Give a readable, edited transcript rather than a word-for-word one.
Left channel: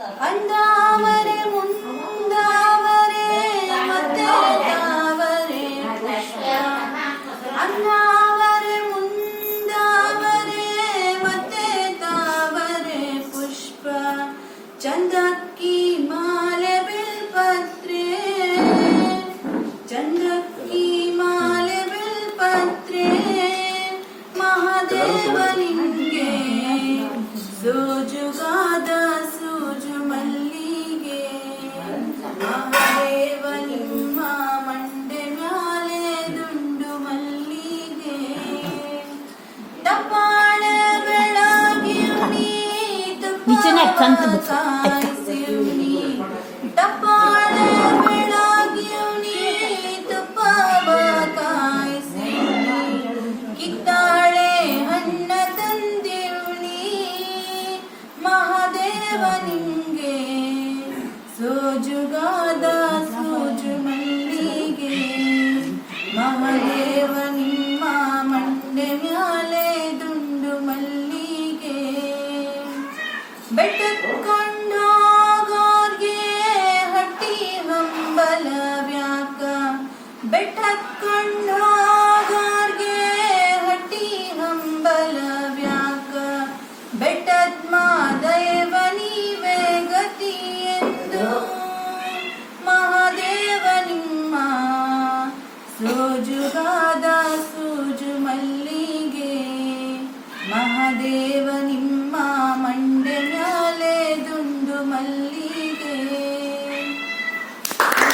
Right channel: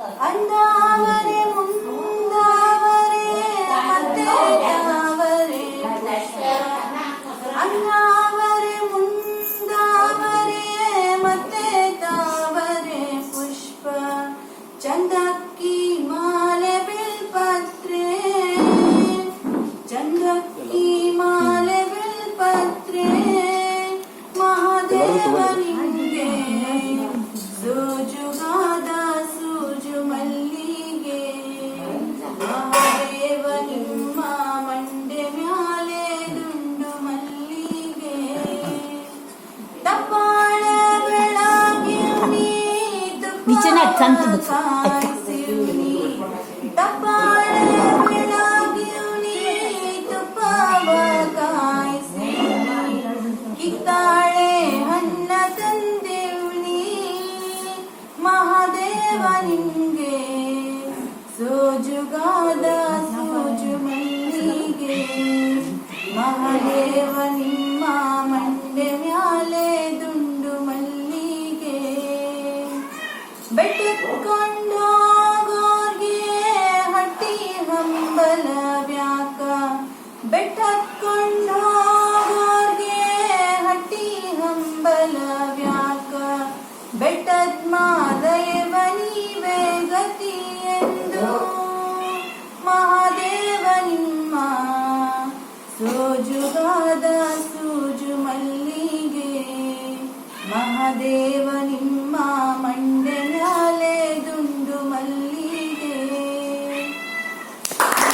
ಅಂದಾವರೆ ಮುಂದಾವರೆ ಮತ್ತೆ ತಾವರೆ ಅಂದಾವರೆ ಮುಂದಾವರೆ ಮತ್ತೆ ತಾವರೆ ಪುಷ್ಪ ಚಂದಕ್ಕಿ ಮಾಲೆ ಬಿಲ್ಪತ್ರೆ ಚಂದಕ್ಕಿ ಮಾಲೆ ಬಿಲ್ಪತ್ರೆ ಮಹಾದೇವನಿಂಗೆ ಸೋಜುಗಾದ ಸೂಜು ಮಲ್ಲಿಗೆ ಮಹಾದೇವ ನಿಮ್ಮ ಮಂಡೆ ಮ್ಯಾಲೆ ದುಂಡು ಮಲ್ಲಿಗೆ ತಪ್ಪಾಳ ಬೆಳಗಿಯುನಿ ಕಾಯಿಸಿಯುನಿ ತಪ್ಪಾಳ ಬೆಳಗಿಯುನಿ ತುಪ್ಪವ ಕಾಯಿಸಿಯುನಿ ಕಿತ್ತಾಳೆ ಹಣ್ಣ ತಂದಿಯುನಿ ಮಹಾದೇವ ನಿಂಗೆ ಸೋಜುಗಾದ ಸೂಜು ಮಲ್ಲಿಗೆ ಮಹಾದೇವ ನಿಮ್ಮ ಮಂಡೆ ಮ್ಯಾಲೆ ದುಂಡು ಮಲ್ಲಿಗೆ ಬೆಟ್ಟಕ್ಕೊಂಡೋಗೋರ್ಗೆ ಹಟ್ಟಿ ಹಂಬಲ ವ್ಯಾಕ ಬೆಟ್ಟಕ್ಕೊಂಡೋಗೋರ್ಗೆ ಹಟ್ಟಿ ಹಂಬಲ ವ್ಯಾಕ ಬೆಟ್ಟದ ಮಾದೇವ ನೀವೇ ಗತಿ ಎಂದು ಮಹಾದೇವ ನಿಮ್ಮ ಸೋಜುಗಾದ ಸೂಜು ಮಲ್ಲಿಗೆ ಮಹಾದೇವ ನಿಮ್ಮ